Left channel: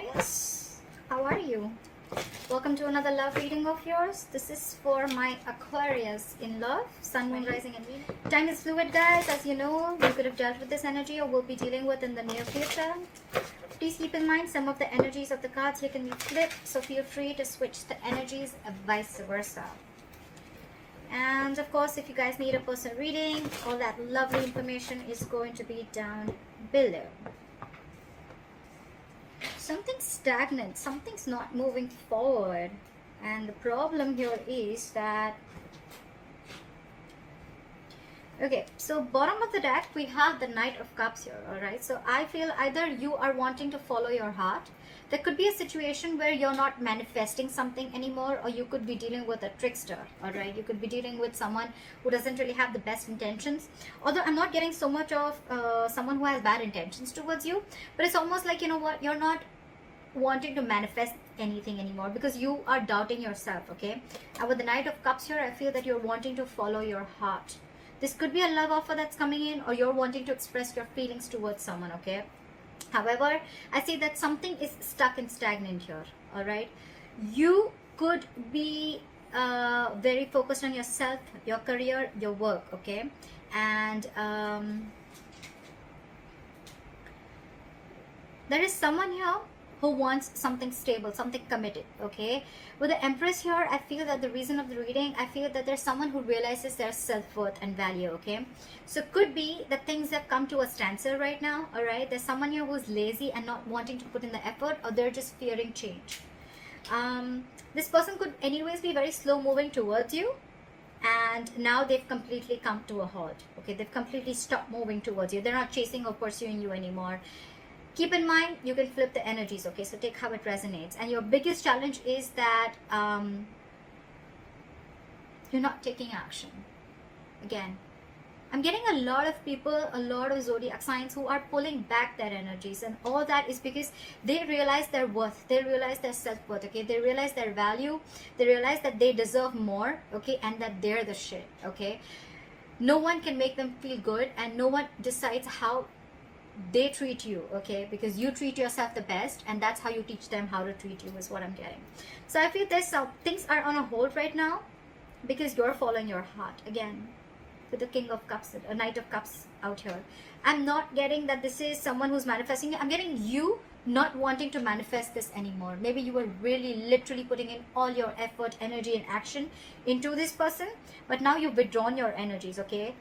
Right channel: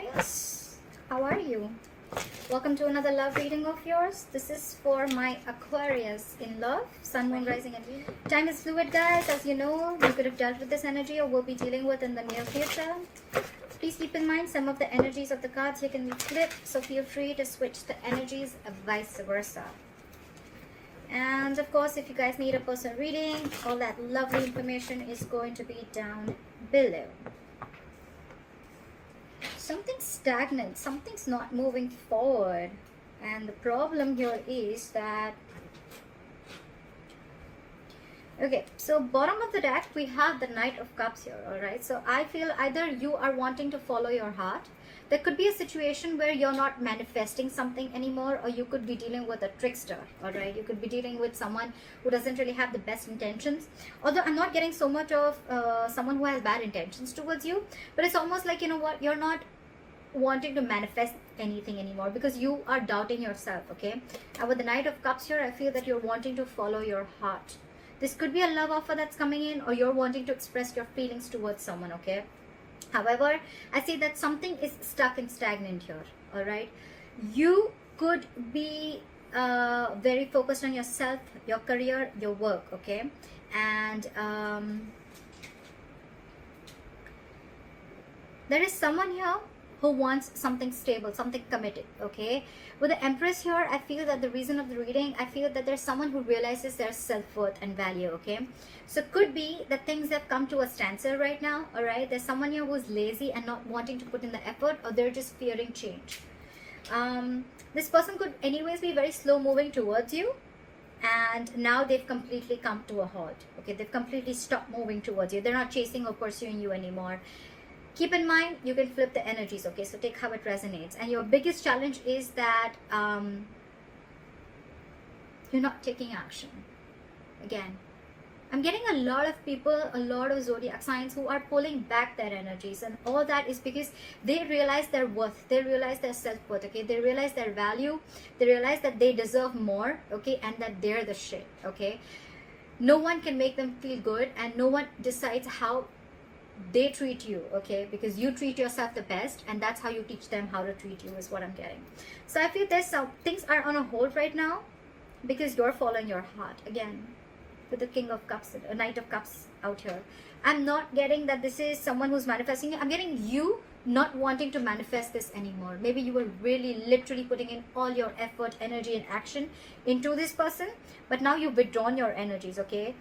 Aquarius, how are you? Welcome to another love reading of yours. This is for my Aquarius in love, sun, moon, rising and time is fluid, guys. As you know, you could have dealt with this energy or will be dealing with in the near future. Please keep in mind some of the energies of the cards you can flip, so feel free to switch the energies and vice versa. And of course, if you guys need a personal reading, all that lovely information is going to be down below. Something's stagnant, something's not moving forward, and the problem here is that, okay, so bottom of the deck we have the Knight of Cups here. All right, so I feel either you are wanting to follow your heart. There could be a situation where you're not manifesting something anymore, or you could be dealing with a trickster. All right, you could be dealing with someone who doesn't really have the best intentions. Although I'm not getting so much of someone who has bad intentions towards you, but it's almost like, you know what, you're not wanting to manifest anything anymore because you are doubting yourself. Okay, and with the Knight of Cups here, I feel that you're wanting to follow your heart. This could be a love offer that's coming in, or you're wanting to express your feelings towards someone. Okay, however, I see that something is stuck and stagnant here. All right, you could be very focused on yourself, your career, your work. Okay, and there is someone here who wants something stable, something committed. Okay, with the Empress here, I feel that the reason of the reading, I feel that there's someone who realizes their self-worth and value. Okay, so could be that things have come to a standstill right now. All right, there's someone here who's lazy and not wanting to put in the effort, or they're just fearing change. This person could anyways be very slow moving towards you, and now they've completely come to a halt. Okay, they've completely stopped moving towards you. They're not chasing or pursuing you anymore. Keep in mind, you can flip the energies. Okay, so take how it resonates. And your biggest challenge is that you're not taking action. Again, I'm getting a lot of people, a lot of zodiac signs who are pulling back their energies, and all that is because they realize their worth, they realize their self-worth. Okay, they realize their value, they realize that they deserve more. Okay, and that they're the shit. Okay, no one can make them feel good, and no one decides how they treat you. Okay, because you treat yourself the best, and that's how you teach them how to treat you, is what I'm getting. So I feel there's some things are on a hold right now because you're following your heart. Again, with the King of Cups, a Knight of Cups out here, I'm not getting that this is someone who's manifesting. I'm getting you not wanting to manifest this anymore. Maybe you were really literally putting in all your effort, energy and action into this person, but now you've withdrawn your energies. Okay,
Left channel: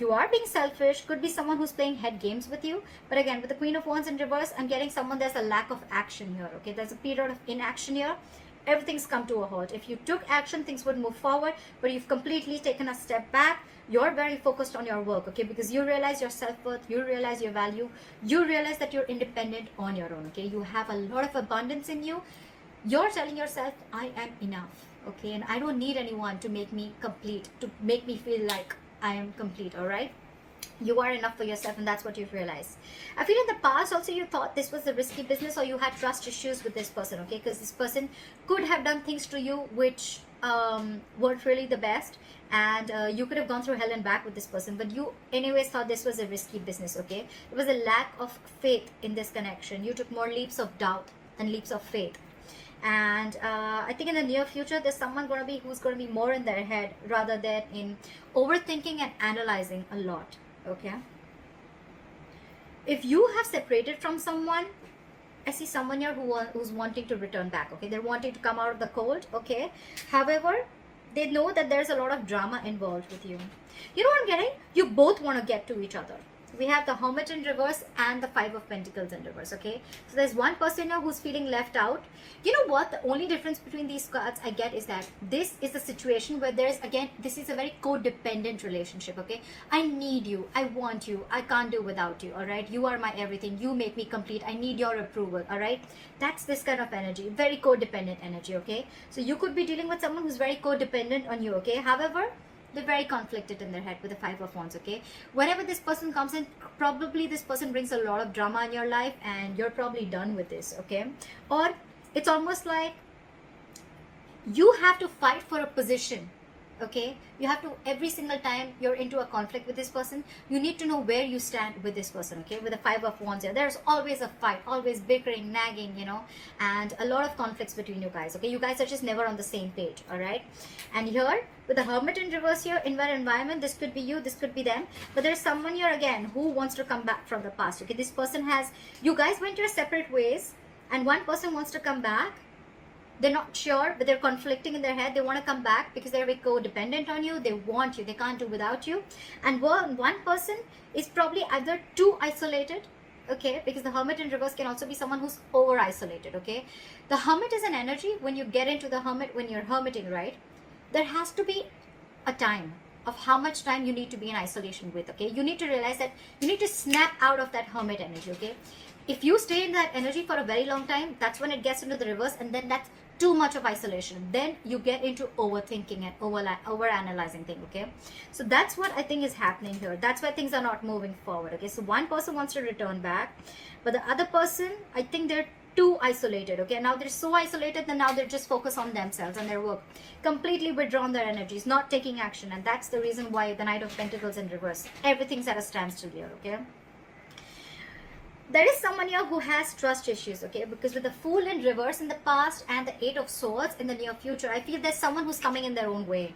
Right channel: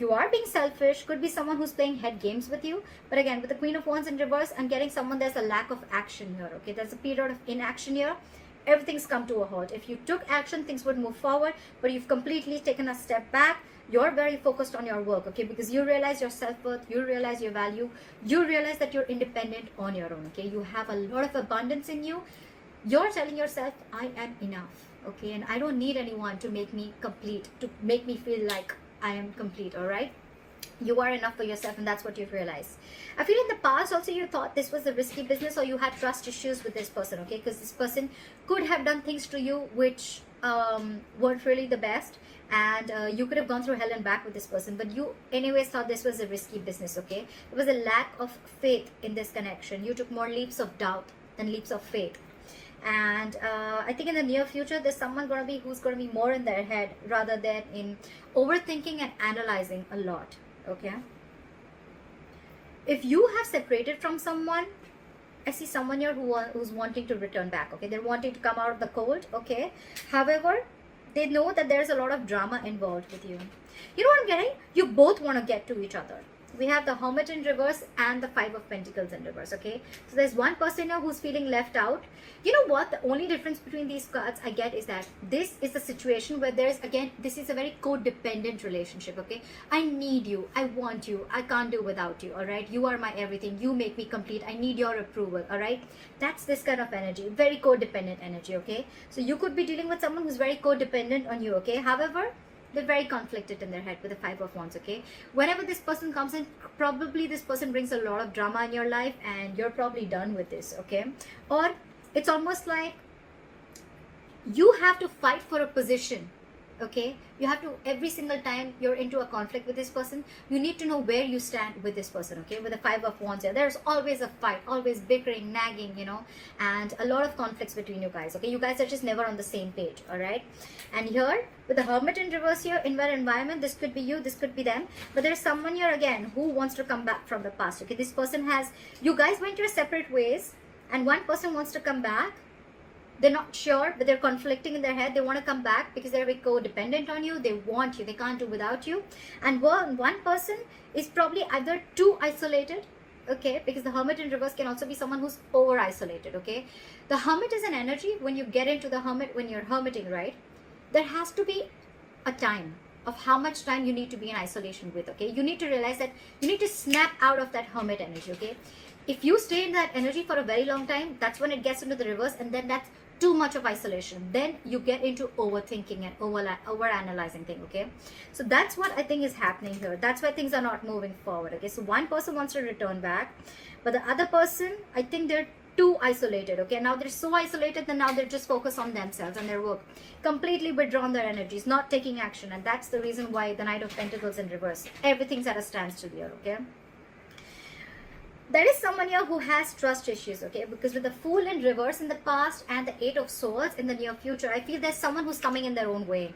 you are being selfish. Could be someone who's playing head games with you. But again, with the Queen of Wands in reverse, I'm getting someone, there's a lack of action here. Okay, there's a period of inaction here. Everything's come to a halt. If you took action, things would move forward, but you've completely taken a step back. You're very focused on your work. Okay, because you realize your self-worth, you realize your value, you realize that you're independent on your own. Okay, you have a lot of abundance in you. You're telling yourself, I am enough. Okay, and I don't need anyone to make me complete, to make me feel like I am complete. All right, you are enough for yourself, and that's what you've realized. I feel in the past also you thought this was a risky business, or you had trust issues with this person. Okay, because this person could have done things to you which weren't really the best, and you could have gone through hell and back with this person, but you anyways thought this was a risky business. Okay, it was a lack of faith in this connection. You took more leaps of doubt than leaps of faith. And I think in the near future there's someone who's going to be more in their head rather than in overthinking and analyzing a lot. Okay, if you have separated from someone, I see someone here who's wanting to return back. Okay, they're wanting to come out of the cold. Okay, however, they know that there's a lot of drama involved with you. You know what I'm getting? You both want to get to each other. We have the Hermit in reverse and the Five of Pentacles in reverse. Okay, so there's one person now who's feeling left out. You know what, the only difference between these cards I get is that this is a situation where there's, again, this is a very codependent relationship. Okay, I need you, I want you, I can't do without you. All right, you are my everything, you make me complete, I need your approval. All right, that's this kind of energy, very codependent energy. Okay, so you could be dealing with someone who's very codependent on you. Okay, however, they're very conflicted in their head with the Five of Wands. Okay, whenever this person comes in, probably this person brings a lot of drama in your life, and you're probably done with this. Okay, or it's almost like you have to fight for a position. okay? You have to, every single time you're into a conflict with this person, you need to know where you stand with this person, okay? With the Five of Wands here, there's always a fight, always bickering, nagging, you know, and a lot of conflicts between you guys, okay? You guys are just never on the same page, all right? And here, with the Hermit in reverse here, in that environment, this could be you, this could be them, but there's someone here again who wants to come back from the past, okay? This person has, you guys went your separate ways, and one person wants to come back. They're not sure, but they're conflicting in their head. They want to come back because they're codependent on you. They want you. They can't do without you. And one person is probably either too isolated, okay? Because the Hermit in reverse can also be someone who's over isolated, okay? The Hermit is an energy. When you get into the Hermit, when you're hermiting, right? There has to be a time of how much time you need to be in isolation with, okay? You need to realize that you need to snap out of that Hermit energy, okay? If you stay in that energy for a very long time, that's when it gets into the reverse, and then that's too much of isolation. Then you get into overthinking and over analyzing things, okay? So that's what I think is happening here. That's why things are not moving forward, okay? So one person wants to return back, but the other person, I think they're too isolated, okay? Now they're so isolated that now they're just focused on themselves and their work, completely withdrawn their energies, not taking action. And that's the reason why the Knight of Pentacles in reverse, everything's at a standstill here, okay? There is someone here who has trust issues, okay? Because with the Fool in reverse in the past and the Eight of Swords in the near future, I feel there's someone who's coming in their own way.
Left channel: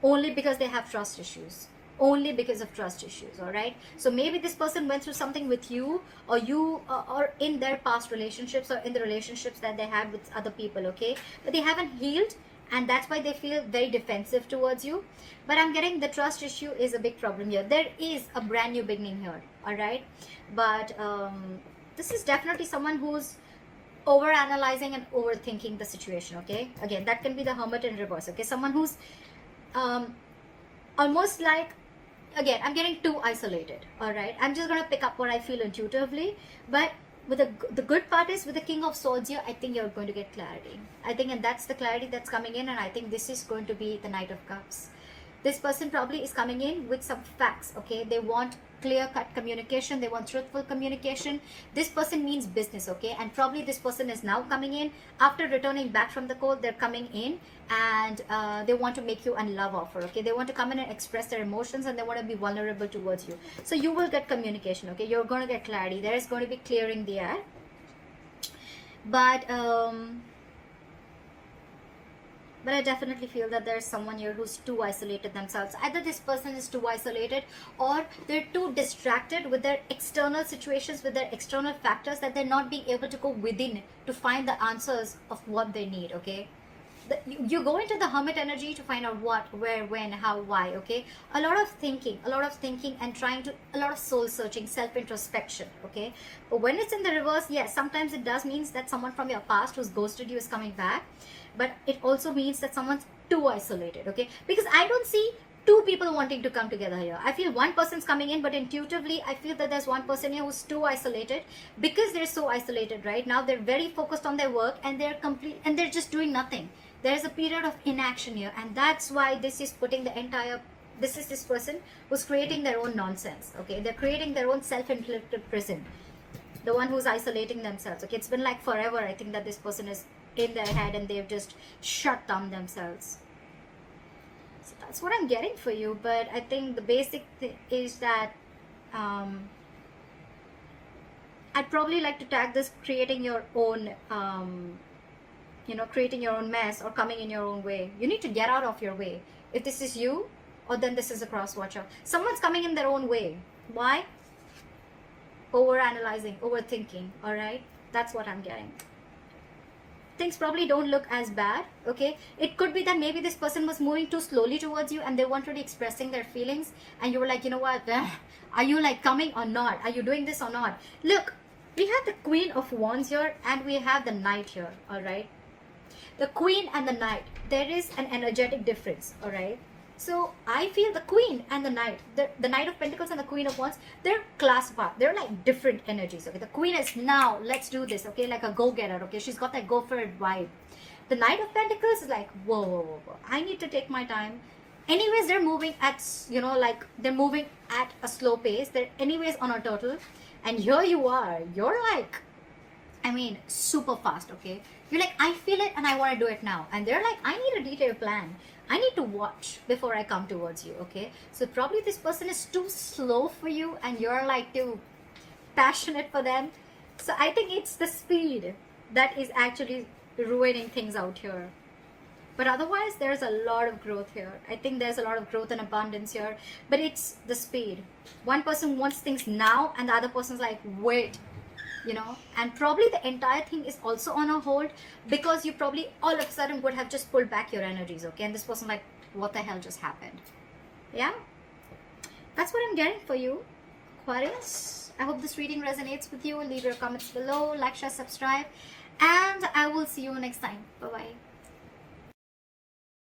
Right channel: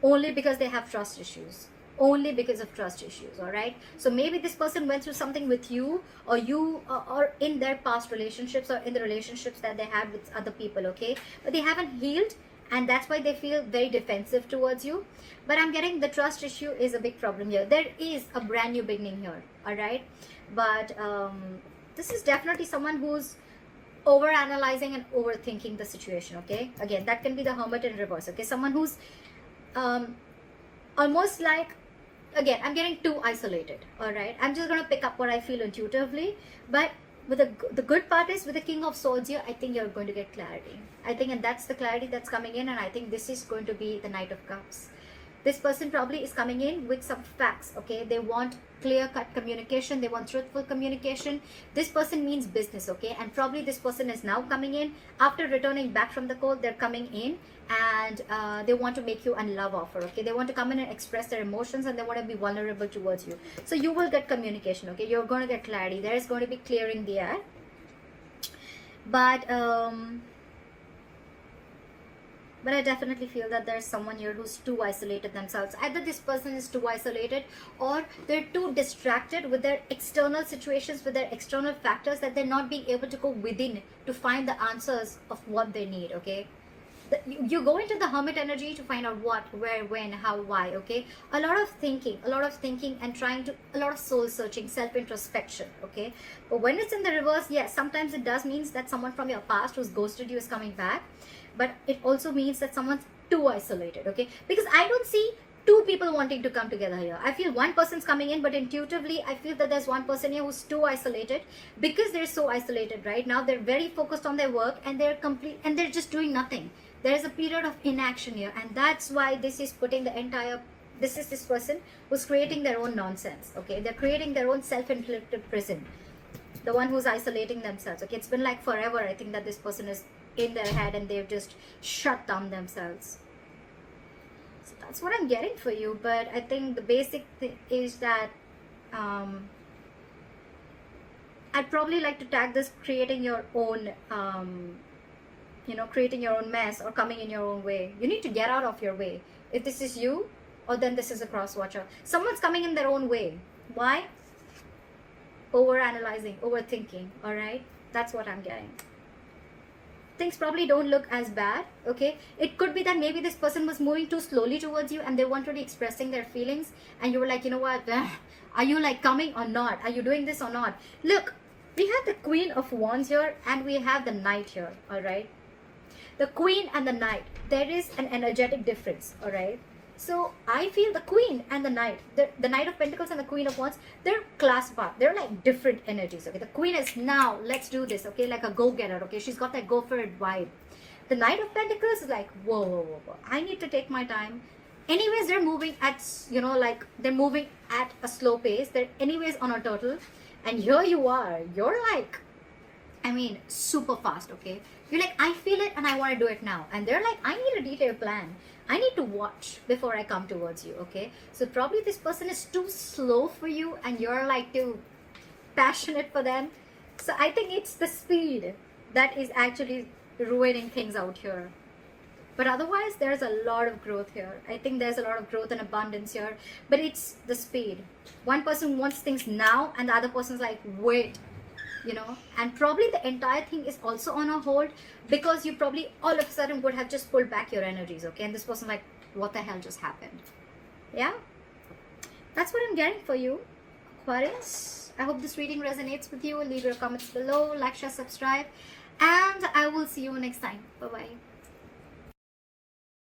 Only because they have trust issues. Only because of trust issues, alright? So maybe this person went through something with you, or you, or in their past relationships, or in the relationships that they had with other people, okay? But they haven't healed, and that's why they feel very defensive towards you. But I'm getting the trust issue is a big problem here. There is a brand new beginning here, alright? But this is definitely someone who's over analyzing and overthinking the situation, okay? Again, that can be the Hermit in reverse, okay? Someone who's almost like, again, I'm getting too isolated, all right? I'm just going to pick up what I feel intuitively, but with the good part is with the King of Swords here, I think you're going to get clarity. I think, and that's the clarity that's coming in, and I think this is going to be the Knight of Cups. This person probably is coming in with some facts, okay? They want clear-cut communication. They want truthful communication. This person means business, okay? And probably this person is now coming in. After returning back from the cold, they're coming in and they want to make you a love offer, okay? They want to come in and express their emotions, and they want to be vulnerable towards you. So you will get communication, okay? You're going to get clarity. There is going to be clearing the air. But I definitely feel that there's someone here who's too isolated themselves. Either this person is too isolated, or they're too distracted with their external situations, with their external factors, that they're not being able to go within to find the answers of what they need, okay? You go into the Hermit energy to find out what, where, when, how, why, okay? A lot of thinking and trying to, a lot of soul searching, self-introspection, okay? But when it's in the reverse, yes, sometimes it does mean that someone from your past who's ghosted you is coming back. But it also means that someone's too isolated, okay? Because I don't see two people wanting to come together here. I feel one person's coming in, but intuitively, I feel that there's one person here who's too isolated. Because they're so isolated right now, they're very focused on their work, and they're just doing nothing. There's a period of inaction here, and that's why this is putting the entire, this is this person who's creating their own nonsense, okay? They're creating their own self-inflicted prison. The one who's isolating themselves, okay? It's been like forever, I think, that this person is in their head and they've just shut down themselves. So that's what I'm getting for you. But I think the basic thing is that I'd probably like to tag this creating your own creating your own mess, or coming in your own way. You need to get out of your way. If this is you, or then this is a cross watcher. Someone's coming in their own way. Why? Over analyzing, overthinking. All right, that's what I'm getting. Things probably don't look as bad, okay? It could be that maybe this person was moving too slowly towards you, and they weren't really expressing their feelings, and you were like, you know what, are you like coming or not? Are you doing this or not? Look, we have the Queen of Wands here, and we have the Knight here, all right? The Queen and the Knight, there is an energetic difference, all right? So I feel the Queen and the Knight, the Knight of Pentacles and the Queen of Wands, they're class part. They're like different energies, okay? The Queen is, now, let's do this, okay? Like a go-getter, okay? She's got that go-for-it vibe. The Knight of Pentacles is like, whoa, I need to take my time. Anyways, they're moving at, they're moving at a slow pace. They're anyways on a turtle. And here you are. You're like, super fast, okay? You're like, I feel it and I want to do it now. And they're like, I need a detailed plan. I need to watch before I come towards you, okay? So probably this person is too slow for you and you're like too passionate for them. So I think it's the speed that is actually ruining things out here. But otherwise, there's a lot of growth here. I think there's a lot of growth and abundance here. But it's the speed. One person wants things now and the other person's like, wait, you know. And probably the entire thing is also on a hold because you probably all of a sudden would have just pulled back your energies, okay? And this person like, what the hell just happened? Yeah? That's what I'm getting for you, Aquarius. I hope this reading resonates with you. Leave your comments below, like, share, subscribe. And I will see you next time. Bye-bye.